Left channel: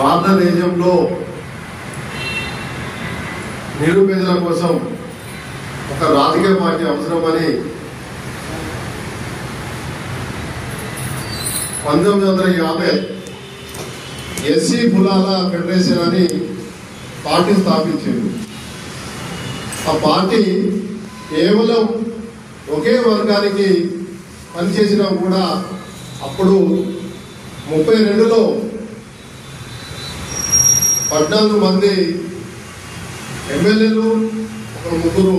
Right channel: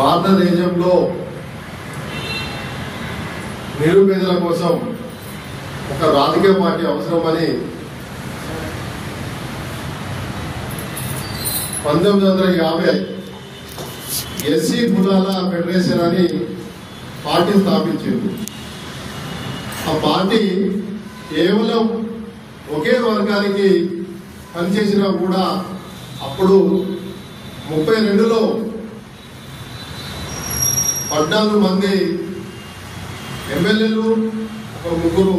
భారతదేశంలో నిరుపేదల కోసం ఒక రాజకీయ పార్టీ అవసరమని 1950 ఎస్సీ కులాల ఫెడరేషన్ అని పార్టీ స్థాపించింది. ఆ పార్టీ కేవలం ఒకే వర్గానికి పనిచేసినా కూడా అప్పుడు 32లో 14 మంది ఎమ్మెల్యేలు, ఒక 3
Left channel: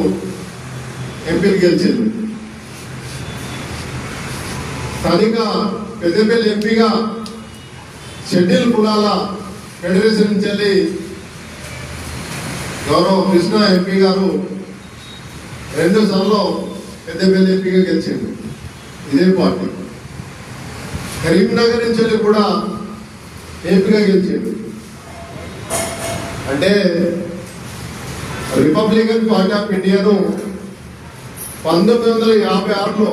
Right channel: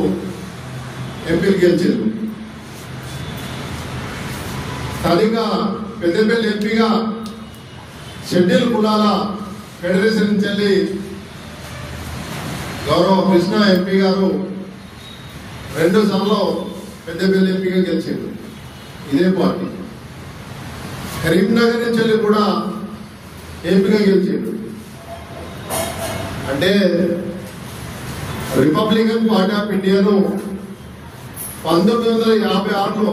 ఎంపీలు గెలిచారు. స్థానిక పెద్దపల్లి ఎంపీగా షెడ్యూల్ కులాల ఫెడరేషన్ నుంచి వెళ్ళి గౌరవ కృష్ణ ఎంపీ గారు 2 సార్లు పెద్దపల్లి ఎంపీగా గెలిచింది ఇదే పార్టీ. కరీంనగర్ నుంచి వెళ్ళి కూడా ఎంపీగా గెలిచింది. అంటే రిపబ్లికన్ పార్టీ ఆఫ్ ఇండియాను 1956లో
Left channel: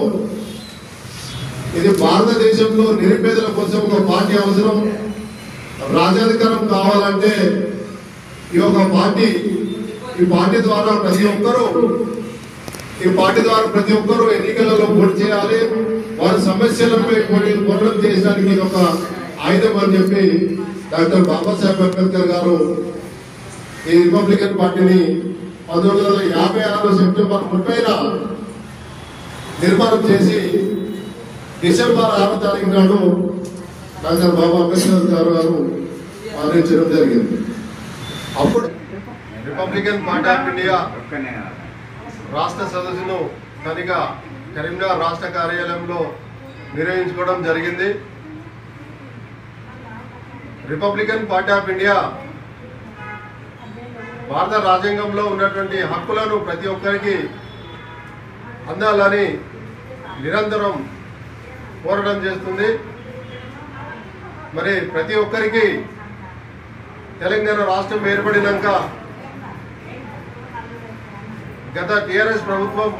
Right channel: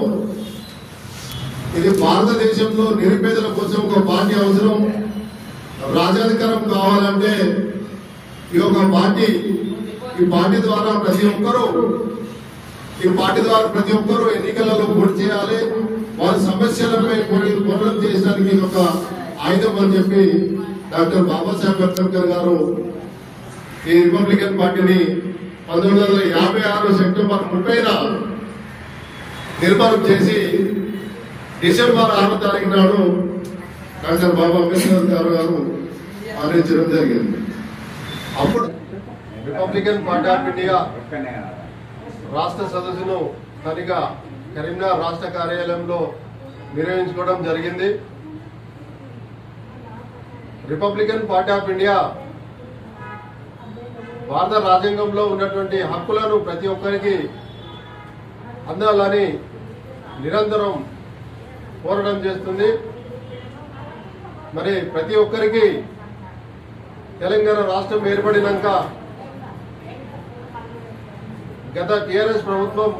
ఇది భారతదేశంలో నిరుపేదల కోసం ఒక పార్టీ అవసరం, రాజ్యాధికారం కావాలంటే ఈ పార్టీ ద్వారా ప్రతి ఒక్కరూ ఎన్నికలలో పోటీ చేయాలి, వారి సమస్యలపై పోరాటం చేయడానికి ఇది ఒక ఆయుధం అని చెప్పి డాక్టర్ బాబాసాహెబ్ అంబేద్కర్ గారు ఈ రిపబ్లికన్ పార్టీని 1956 సెప్టెంబర్ 30న నిర్మాణం చేసి డిసెంబర్ 6వ తారీఖు నాడు డాక్టర్ బాబా అంబేద్కర్ గారు మరణించడం జరిగింది. అప్పుడు రిపబ్లికన్ పార్టీ ఆఫ్ ఇండియా రాష్ట్ర సదస్సును స్థానిక కరీంనగర్ రాష్ట్ర కార్యాలయంలో నిర్వహించుకోవడం జరిగింది. రిపబ్లికన్ పార్టీ ఆఫ్ ఇండియా భారత రాజ్యాంగంలో ఉన్నటువంటి హక్కులను ప్రతి ఒక్కరికి అందాలని నిరంతరం పోరాటం చేస్తుంది. మరి ప్రతి ఒక్కరికి తెలంగాణ రాష్ట్రం ఏర్పడినాక గత టీఆర్ఎస్ ప్రభుత్వం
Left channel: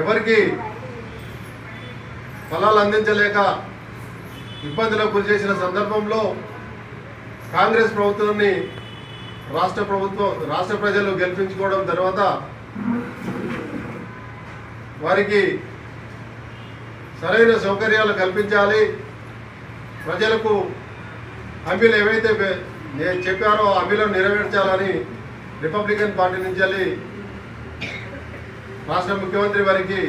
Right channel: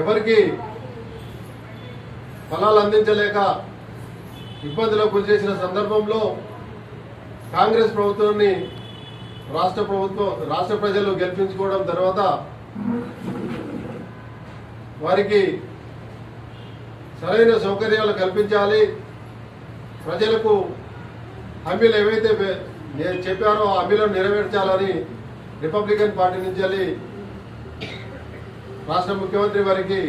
ఎవరికి ఫలాలు అందించలేక ఇబ్బందులకు గురి చేసిన సందర్భంలో కాంగ్రెస్ ప్రభుత్వాన్ని రాష్ట్ర ప్రజలు గెలిపించుకోవడం తర్వాత వారికి సరైన సౌకర్యాలు కల్పించాలి, ప్రజలకు హామీలు ఏవైతే చెప్పారో ఆ హామీలను నెరవేర్చాలని రిపబ్లికన్ పార్టీ నుంచి వెళ్ళి రాష్ట్ర ముఖ్యమంత్రి వారికి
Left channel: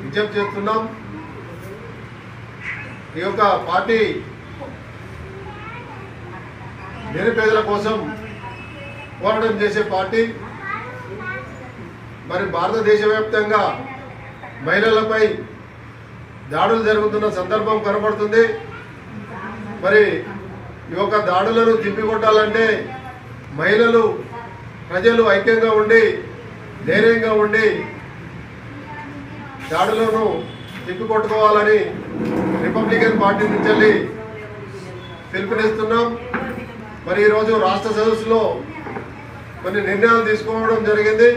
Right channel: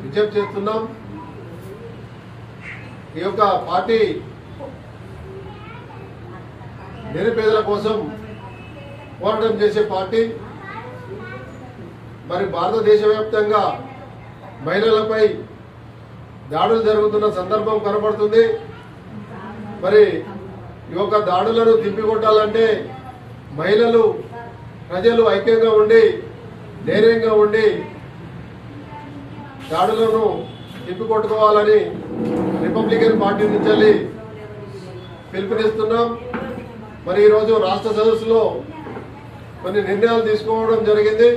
విజ్ఞప్తి చేస్తున్నాం. ఈ యొక్క పార్టీ నిరుపేదల కోసం పోరాటం చేసే పార్టీ. మరి భారతదేశ వ్యాప్తంగా మహిళలపై దాడులు జరుగుతున్న సందర్భం కనబడుతుంది. మరి ఈ యొక్క దాడులను తిప్పికొట్టాలంటే మహిళలు, ప్రజలు ఐక్యంగా ఉండి ధైర్యంగా ఉండి దాడులను తిప్పికొట్టుకోవాలని రిపబ్లికన్ పార్టీ నుంచి వెళ్ళి పిలుపునిస్తున్నాం. మరి ఈరోజు రాష్ట్ర సదస్సులో కొన్ని నిర్ణయాలు తీసుకోవడం జరిగింది.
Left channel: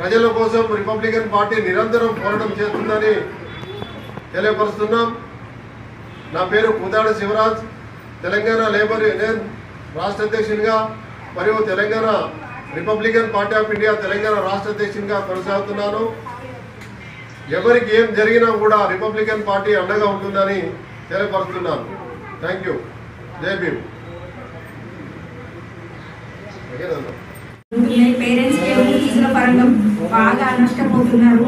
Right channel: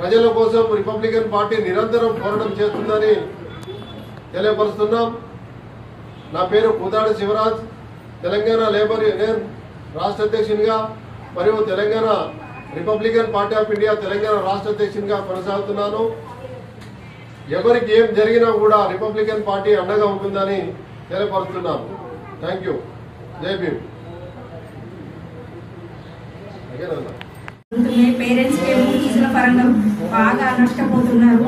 ప్రజల కోసం రిపబ్లికన్ పార్టీ నిరంతరం పోరాటం చేస్తుందని తెలియపరుస్తున్నాం. నా పేరు కుదాడి శివరాజ్, తెలంగాణ లేబర్ యూనియన్ రాష్ట్ర అధ్యక్షునిగా మరియు Telangana Republican party of India Telangana రాష్ట్ర అధ్యక్షునిగా కొనసాగుతున్నాను. ఎవరికి ఏం జరిగినా కూడా రిపబ్లికన్ పార్టీ అండగా ఉంటుందని తెలియపరుస్తున్నాను. Thank you. జై భీమ్. పేరెంట్స్ ఫీజుల పరంగా బాగా నష్టపోతున్నారు.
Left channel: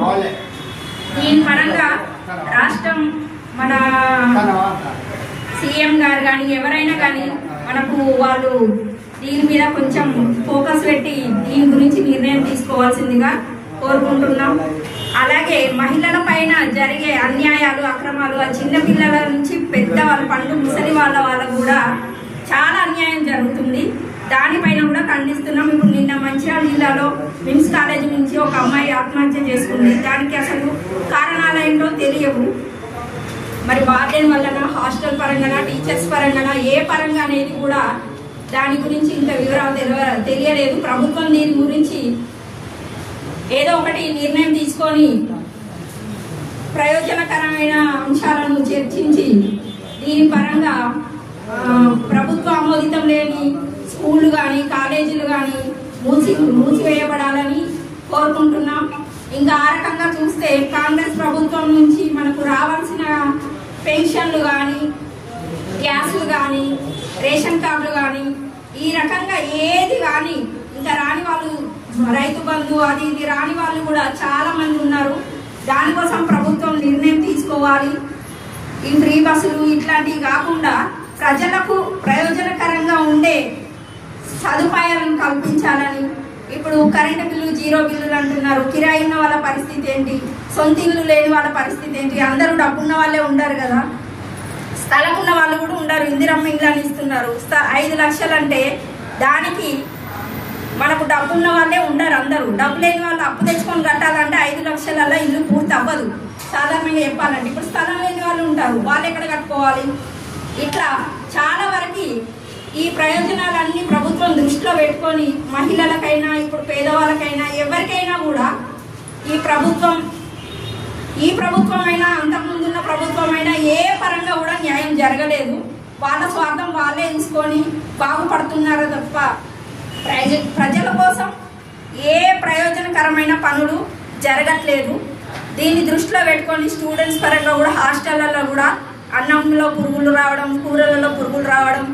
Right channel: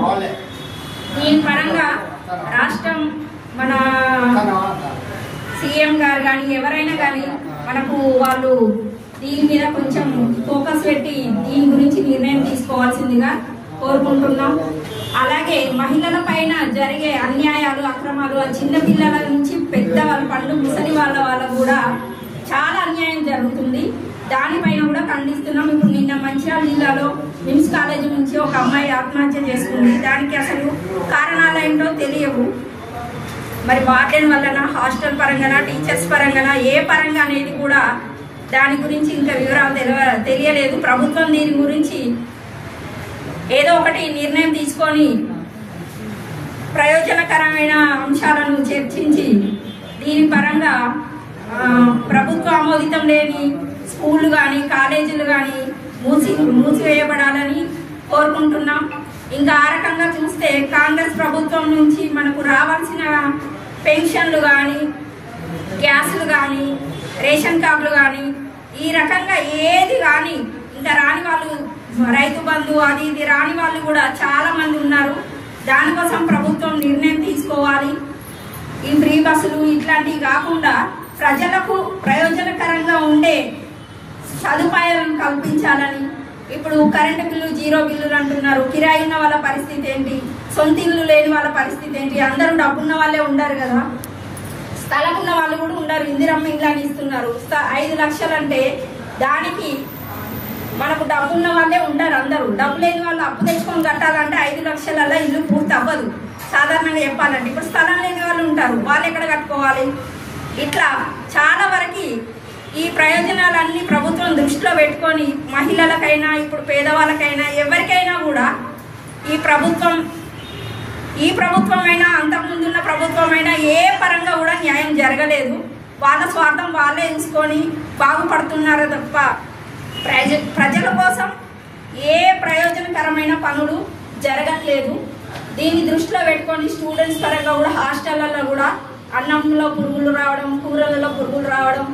దీని పరంగా రాష్ట్రం మన సీఎం గారు కానీ ఎవరైనా కానీ మనకు వాళ్ళు దీని మీద కొంచెం ఫోకస్ పెట్టి దీని గురించి నిర్ణయం తీసుకోవాల్సిందిగా కోరుకుంటున్నాం. అలాగే మహిళల పైన జరిగే అన్యాయాలు, అక్రమాలు, ఆ చిన్న పిల్లల నుంచి పెద్ద వాళ్ళ పండు ముసలి వాళ్ళకు కూడా చాలా అన్యాయం జరుగుతుంది. దానిపైన కూడా ఖండిస్తున్నాం. ఇప్పుడు నిన్న మంచిర్యాల జిల్లాలో మిమ్స్ కాలేజీ నుంచి ఒక అమ్మాయి ఆత్మహత్య చేసుకుంది. దానికి అసలు కారణాలేంటో తెలియవు. మరి వార్డెన్ వలన, హాస్టల్ పరంగా, టీచర్స్ పరంగా, ఏ పరంగా అనేది కూడా దాని గురించి ఇంకా వివరాలు తెలియలేదు. ప్రభుత్వం దీని గురించి ఏదో ఒకటి నిర్ణయం తీసుకొని ప్రయోజనకరమైన అంశాలను చర్చించి దీని పరంగా ప్రభుత్వ ఆమోదితం లేని స్కూళ్ళు కానీ కాలేజీలు కానీ మూసివేయబడాలని కోరుకుంటున్నాం. ఇంకా ఆ రకంగా చూస్తే కాంగ్రెస్ ప్రభుత్వం నుంచి మనకు రావాల్సిన పెన్షన్లు కానీ, గ్యాసులు కానీ, రేషన్ కార్డులు కానీ, ఈ రకంగా ఏది కానీ ఇంకా రాని వాళ్ళు, రైతు బంధు అది ఇది రాని వాళ్ళు కూడా చాలా మంది ఉన్నారు. దానికోసం ప్రభుత్వం నిర్ణయం తీసుకోవాలి. ఈ ఫ్రీ బస్సులు ఇట్లాంటివి కాకుండా ప్రజలకు ప్రయోజనకరంగా ఉండే సదుపాయాలను కల్పించాలని. ఇప్పుడు కరెంటు బిల్లు 0 బిల్లులు అంటున్నారు. కిరాయి ఉన్న వాళ్ళ పరిస్థితి ఏంటి? సొంత ఇల్లు లేని వాళ్ళ పరిస్థితి ఏంటి? అందరూ డబ్బున్న వాళ్ళే ఉండారు కదా, స్థలం ఉన్న వాళ్ళు కూడా ఉండరు. ఇందిరమ్మ ఇండ్లు అని ఇస్తున్నారు. 5 లక్షలు అంటే దానికి మనకు డబ్బున్న వాళ్ళే ఉండరు. అందరూ డబ్బు లేని వాళ్ళు అప్పు తెచ్చుకొని కట్టాలంటే 5 లక్షలలో ఇల్లు పూర్తి అవ్వదు. సాధారణంగా చెప్పాలంటే ఇప్పుడు స్థలం లేని వాళ్ళు ఉంటారు, వాళ్ళు ఎక్కడ కట్టుకోవాలి? ఇట్లా చాలా వరకు ఈ ప్రయోజనాలన్నీ ప్రభుత్వం దృష్టిలో పెట్టుకొని మహిళలకైనా, ఇప్పుడు పేదవాళ్ళకైనా, ఎవరికైనా కూడా ఈ ప్రభుత్వమైనా అంతకుముందున్న ప్రభుత్వమైనా ఏ పరంగా కూడా న్యాయం జరగలేదు. వాళ్ళ స్వార్థం వాళ్ళే చూసుకొని బాగుపడుతున్నారు తప్ప ప్రజల కోసం ఏ ప్రయోజనకరమైన పనులు జరగట్లేదు. దీన్ని దృష్టిలో పెట్టుకొని స్టూడెంట్స్ పరంగా కూడా హాస్టళ్లలో కూడా అన్నంలో పురుగులు రావడం, కూరలలో పురుగులు రావడం,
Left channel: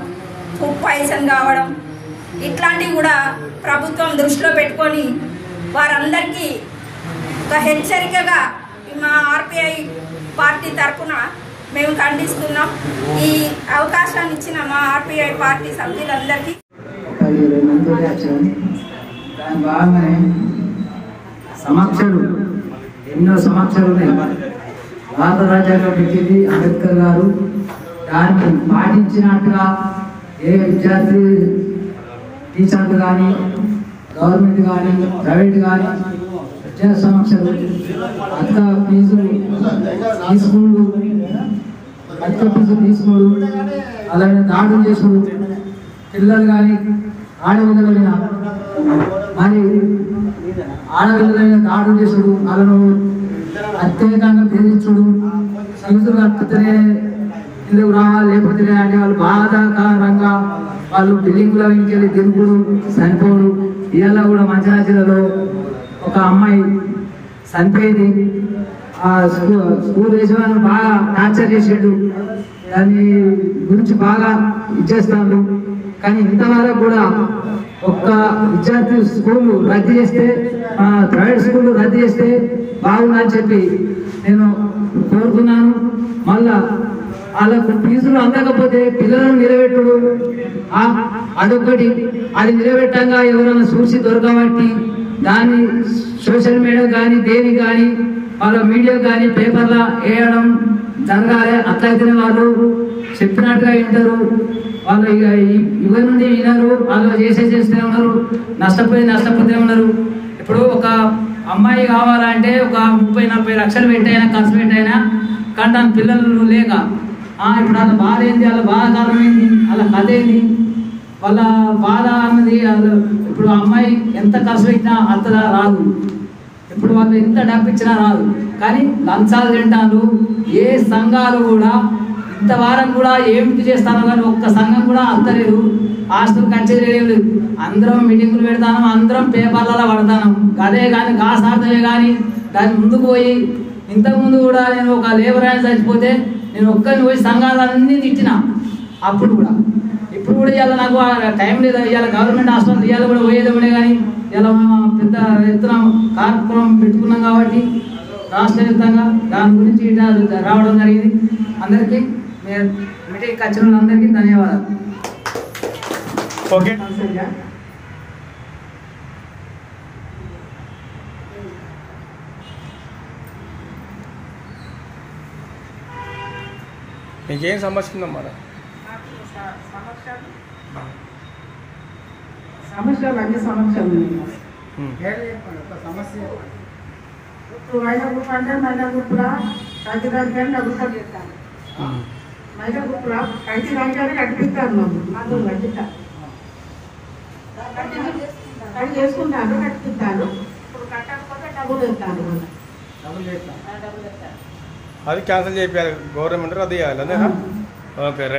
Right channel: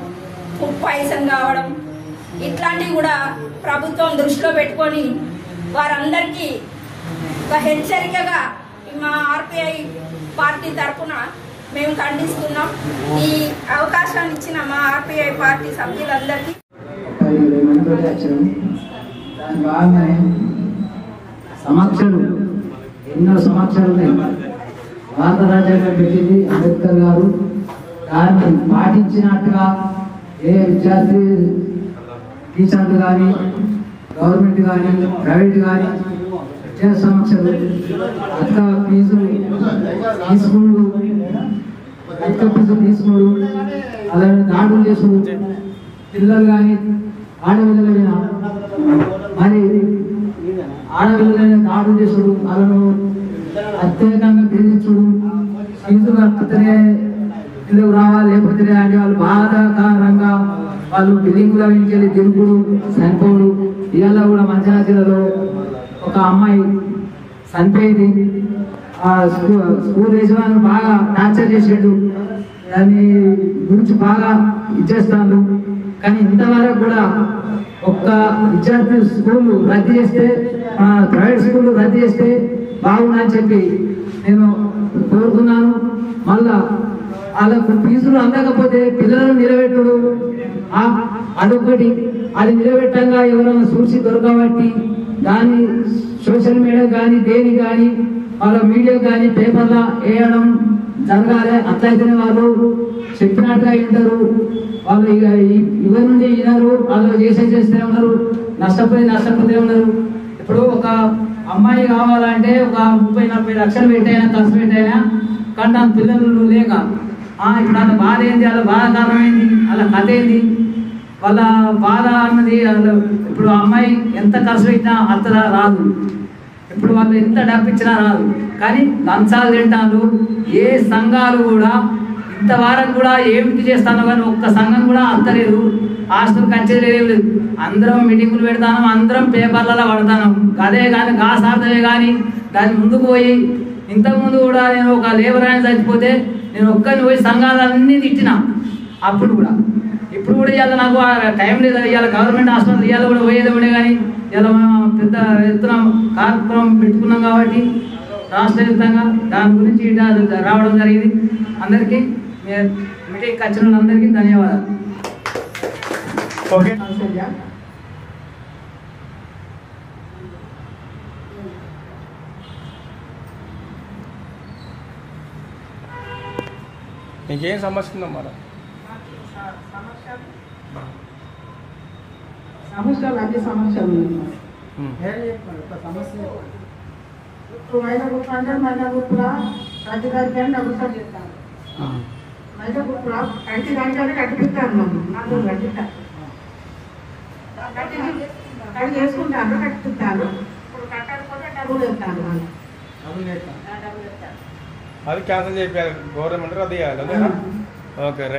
ఫుడ్ పాయిజన్ కావడం, ఇట్లాంటివి కూడా ప్రభుత్వం దృష్టిలో పెట్టుకొని వారందరికీ ఒక హెచ్చరికగా మా ఆర్పిఐ పార్టీ తరఫున మేము ఖండిస్తున్నాం. ఈ అవకాశాన్ని ఇచ్చిన మా ఆర్పిఐ పార్టీ సభ్యులందరికీ దాని బాగానే సమక్షలు, ఎన్నో సమక్షలు ఉన్నాయి. భారత రాజ్యాంగం పెట్టింది అంబేద్కర్ గారు. దాన్ని పాటించినట్టుగా ఏ విద్యార్థి, టీచర్లు కానీ, గవర్నమెంట్ కానీ, ప్రైవేట్ కానీ విద్యా సమక్షలు, అక్క ఫీజులు తీసుకుడు, అక్క ఫీజు తీసుకోడు, అలాగే దాడులు చేసుడు, పిల్లలు కానీ ఆడపిల్లలైన మరి ఆడపిల్లలైన దాడులు చేసుడు, వాళ్ళను అత్యధికంగా బెదిరించుడు, ఫీజులు కట్టుతూనే ఇల్లు రావాలి లేకపోతే అంటే వాళ్ళు బాధాకరంగా వాళ్ళు బిల్డింగ్ల వెళ్ళి తిరుగుడు, చనిపోడు. ఇవాళ కూడా మంచిర్యాల జిల్లాలో ఒక అమ్మాయి చనిపోయింది. ఆ స్కూల్ యజమాని బాగా టార్చర్ చేసేడు, దాని గురించి బాగా ఇచ్చేస్తాను. కానీ ఇంతవరకు కూడా ఒక్క విద్యార్థి స్కూళ్ళు రద్దు చేస్తే, ప్రైవేట్ స్కూళ్ళు రద్దు చేస్తే బాగుందని చెప్పి నేను కోరుకున్నాను. మళ్ళా వాళ్ళకు ఫీజులు అందకపోతే పిల్లలను నిలబెట్టుడు అదొకటి. అది నిలబెట్టంగా ఎవరైనా చూసి దొరకబట్టి దాన్ని సోషల్ మీడియా కానీ దేని కానీ వాళ్ళ మీడియా కానీ పేపర్లో వేయడం జరగాలి. అట్లయితేనే వాళ్ళు చెప్పినట్టుగా వింటారు. వాళ్ళు ఇక యుగ నుండి వినరు, వాళ్ళు చేస్తూనే ఉన్నారు, నష్టపోతే ఉన్నారు. ఇప్పుడు ఒక అమ్మాయి కావాలంటే ఒక 30-40 లక్షలు పెట్టైనా ఖర్చు పెట్టైనా కానీ పిల్లలు లేక ఇప్పుడు వాళ్ళ బాధ ఏంది, వాళ్ళ బాధ కారణం ఏంది, వాళ్ళ కథ ఏంది, వాళ్ళ బాధ అన్నది ఇప్పుడు అమ్మాయి ఎంత ఖర్చు పెట్టినా అంత రాదు. ఇప్పుడు వాళ్ళు ఎంత డబ్బు ఇచ్చినా రాదు. కానీ లంచాలు తింటాను. ఏ సంఘాలు కూడా ఇంతవారం కూడా ఏమిటి చేస్తాను కానీ ఒక్క సంఘం కూడా అంతలేదు. హాస్టల్ కచ్చేది ఏం లేదు. అందరం మీటింగులు పెడతాను, అందరం పేపర్లలో పడతాను. అదే కానీ కాసార్థమే కానీ దాని ముందుకు పోయి ఇంతకుముందు కూడా నేను ఒక లేబర్ ఆయన చచ్చిపోతే నేను ఒక్కరిని పోయి సంఘాలన్నీ తిట్టినా అప్పుడు కూడా. ఇప్పుడు కూడా ఇవాళ నాకు టైం లేదు. ఇవాళ గవర్నమెంట్ హాస్పిటల్ ఇవాళ కూడా పోయేది ఉండే కానీ ఇలా పెద్ద ఎత్తున కార్యక్రమం పెట్టుకున్నాం కాబట్టి రాష్ట్ర వ్యాప్తంగా దాని గురించి రావడం జరిగింది. అందరికీ మీటింగ్కి వచ్చిన వాళ్ళందరికీ ధన్యవాదాలు. ఓకే, మీకేం సమస్య ఉందమ్మా? సమస్యలు అన్ని సమస్యలు ఉన్నాయి. ఇప్పుడు మహిళా గ్రూప్ అంటే మహిళా గ్రూప్లో రాజధానికి డబ్బులు కట్టిస్తాను. మహిళా గ్రూప్లో కంటి దానికైనా కట్టిస్తాను. నన్ను కట్టిస్తాను, కట్టి చేసుకుంటాను, కట్టిస్తాను. ఇప్పుడు కట్టకపోతే డబ్బులు ఇస్తాను. డబ్బులు ఇస్తాను. అది క్యాన్సిల్ చేయాలి, గవర్నమెంట్ అది చేయాలి. అదేనా? Okay right.